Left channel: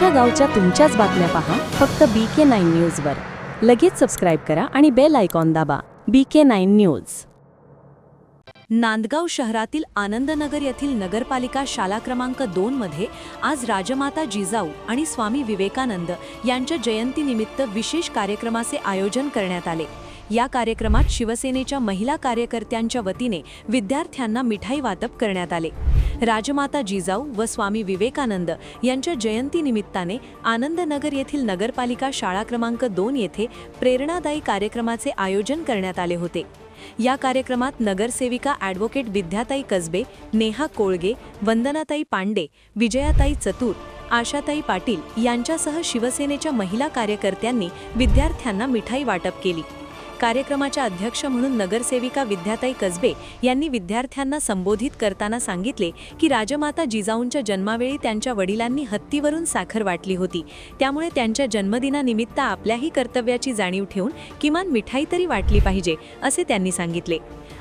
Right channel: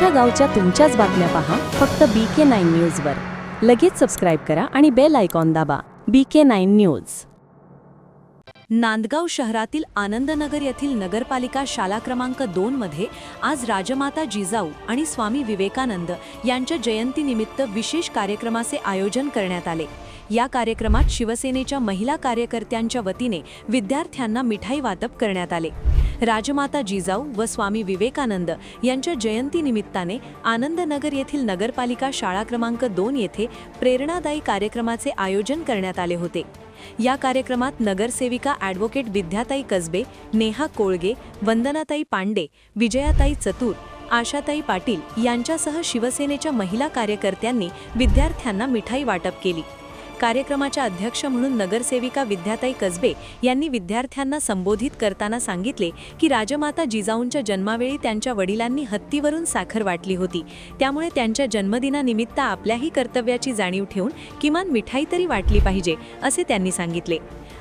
तुमच्या गावच्या तुमच्याच बातम्या पहा फक्त बी के नाईन न्यूजवर लगेच सबस्क्राईब करा आणि बेल आयकॉन दाबा. B K nine news Nandgaon शहरातील आनंदनगर येथील नगरपालिका शाला क्रमांक दोन मध्ये आज राजमाता जिजाऊ आणि स्वामी विवेकानंद यांच्या जयंतीनिमित्त विशेष कार्यक्रमाचे आयोजन करण्यात आले. या कार्यक्रमात शिवसेनेच्या महिला कार्यकर्त्यांच्या वतीने विद्यार्थ्यांना मिठाई वाटप करण्यात आले. राजमाता जिजाऊ व स्वामी विवेकानंद यांच्या जयंतीनिमित्ताने आनंदनगर येथील नगरपालिका शाळा क्रमांक दोन येथे प्रेरणादायी कार्यक्रमाचे आयोजन करण्यात आले होते. या कार्यक्रमात नगरसेविका ॲडव्होकेट विद्याताई कसबे नेहा कोळगे वंदनाताई पांडे विजयाताई चतुर आशाताई पाटील यांच्यासह शिवसेनेच्या महिला कार्यकर्त्यांनी विद्यार्थ्यांना मिठाई वाटप केली. कार्यक्रमाच्या अध्यक्ष म्हणून नगरसेविका विद्याताई कसबे यांनी विद्यार्थ्यांना संबोधित करताना सांगितले की राजमाता जिजाऊंच्या जन्मावेळी त्यांच्या वडिलांनी हत्तीवरून साखर वाटली होती. त्यामुळे त्यांच्या जन्मदिनानिमित्त आपल्याही कर्तव्याची जाणीव ठेवून किमान मिठाई तरी वाटली पाहिजे असे त्यांनी सांगितले.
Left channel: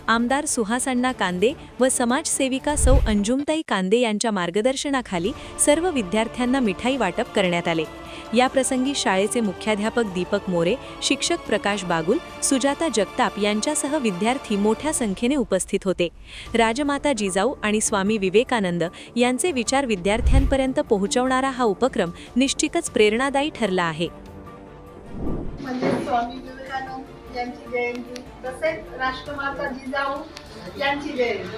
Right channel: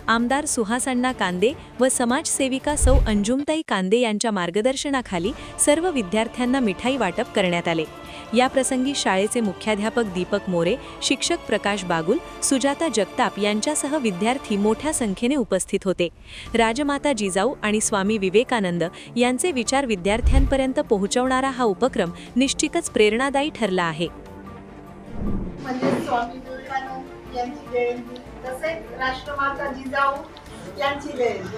आमदार सुहासण्णा कांदे व समाजसेविका सौ अंजुमताई कांदे यांच्या मार्गदर्शनाखाली सर्व विद्यार्थ्यांना मिठाई वाटप करण्यात आले. या प्रसंगी शाळेचे मुख्याध्यापक दीपक मोरे शिक्षक प्रकाश बागुल सुजाता जगताप यांच्यासह विद्यार्थी मोठ्या संख्येने उपस्थित होते. राजमाता जिजाऊ आणि स्वामी विवेकानंद यांचे विचार विद्यार्थ्यांपर्यंत पोहोचवणारा हा उपक्रम निश्चितच प्रेरणादायी ठरला आहे. स्वामी विवेकानंद यांची जयंती तसेच राष्ट्रमाता जिजाऊ यांची जयंती.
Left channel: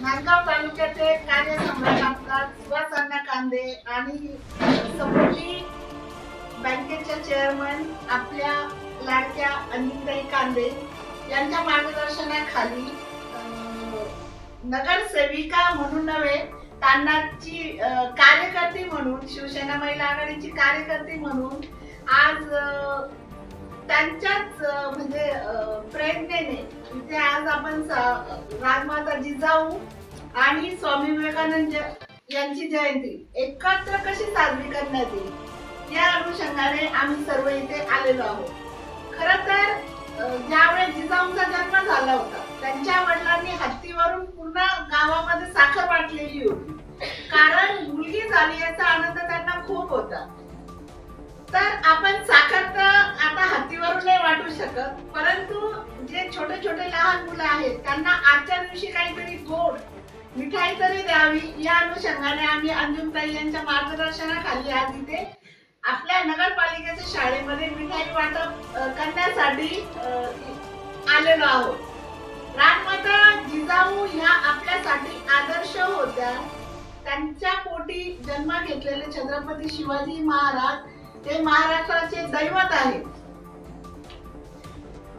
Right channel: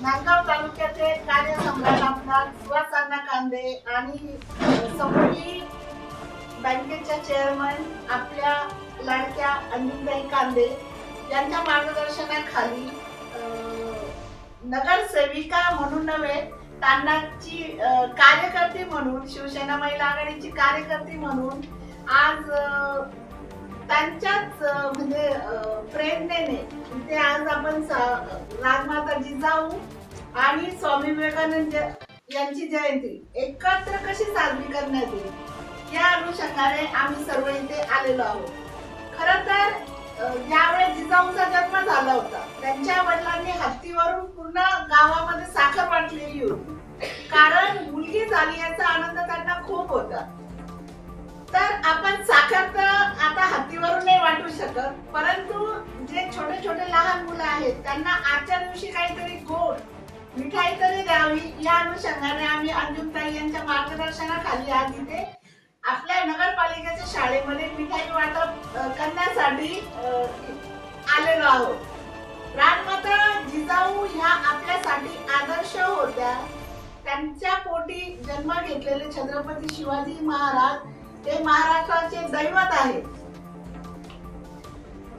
नांदगाव तालुक्याचे कार्यसम्राट आमदार सुहासांना कांदे आणि समृद्धी बँकेच्या चेअरमन आपल्या लाडक्या अंजिताई कांदे यांच्या मार्गदर्शनाखाली नगरसेविका म्हणून नव्हे तांडाची कार्यकर्ती म्हणून शिवसेना महिला आघाडीची कार्यकर्ती म्हणून आज त्यांच्याच म्हणजे प्रेरणेने इथे आज आपण राजमाता जिजाऊ आणि स्वामी विवेकानंद यांची जयंती एकत्र कशी साजरी करण्यात येईल? या अनुषंगाने आम्ही सर्व इथे आलेलो आहोत. खर तर ज्यावेळेस जिजाऊंचा जन्म झाला होता. त्यांच्या वडिलांनी हत्तीवरून पूर्ण गावामध्ये साखर वाटलेली होती. कारण मुलगी झाली याचा आनंद त्यांना खूप होता. तर आपण साखर तर आता हत्तीवरून नाही वाटू शकत परंतु जे छोटे छोटे लहान मुलं आहेत त्यांना आजच्या दिवशी काहीतरी गोड मिठाई तरी द्यावी. या अनुषंगाने आम्ही अंजुमताई यांच्या मार्गदर्शनाखाली आज इथे आपल्या नगरपालिकेच्या शाळेमध्ये मिठाई वाटप करण्यासाठी आलेलो आहोत. राजमाता जिजाऊ ह्या आपल्यासाठी आदर्श होत्या. त्यांच्या पोटी जन्म घेतलेले छत्रपती शिवाजी महाराज ते महाराष्ट्राचे दैवत आहेत.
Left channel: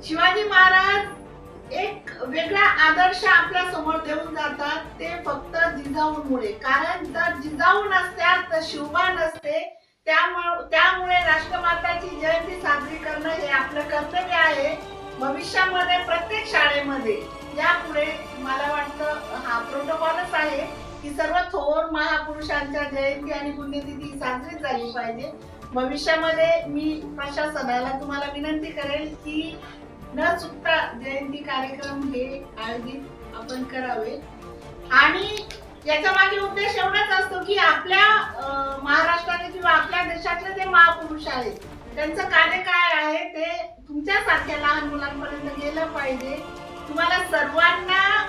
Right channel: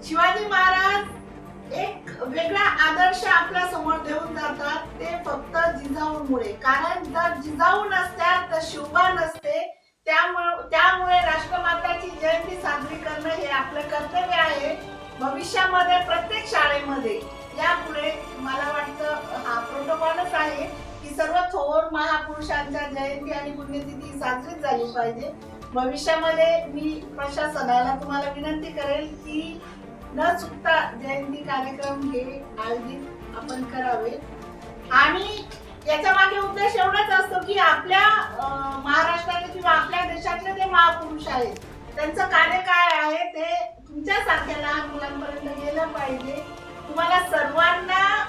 शिवाजी महाराज एक वेगळा आदर्श आपल्यासमोर देऊन जातात ते फक्त जिजाऊमुळे. कारण जर जिजाऊ नसत्या तर शिवबा नसते त्यामुळे त्यामुळे राष्ट्रमाताची जयंती साजरी करणं हे आपलं कर्तव्य आहे. भविष्यामध्ये प्रत्येक शाळेमध्ये. यापुढे मला वाटतं हा प्रोटोकॉलच आहे की सर्व थोर महापुरुषांच्या जयंती आणि पुण्यतिथी साजरी झाली पाहिजे. भविष्यामध्ये मी प्रशासनाला तुम्हाला विनंती करेल की न चुकता जयंती कार्यक्रम हे आयोजित आपण करावे. आणि याच्या मागे उद्देश एवढाच असतो की आपल्या अं, महाराष्ट्रातले किंवा आपल्या देशातले जे महापुरुष आहेत त्यांचं कार्य काय आहे ते तुमच्यासारख्या लहान मुलांपर्यंत गेलं पाहिजे. तुम्हाला सर्वांना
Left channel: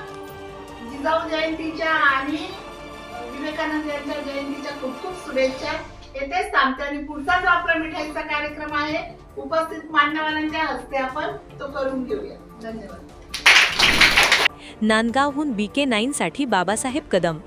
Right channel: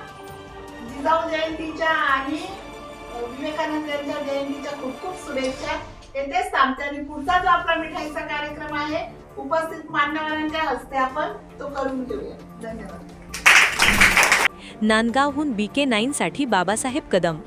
जिजाऊ जयंतीच्या आणि विवेकानंद यांच्या जयंतीच्या खूप खूप शुभेच्छा. येथेच थांबते आणि पुढचा जो आपला मिठाईचा कार्यक्रम आहे उपस्थित मान्यवरांच्या हस्ते आपण तो करून घेऊया. धन्यवाद. नांदगावहून बी के नाईनसाठी बाबासाहेब कदम.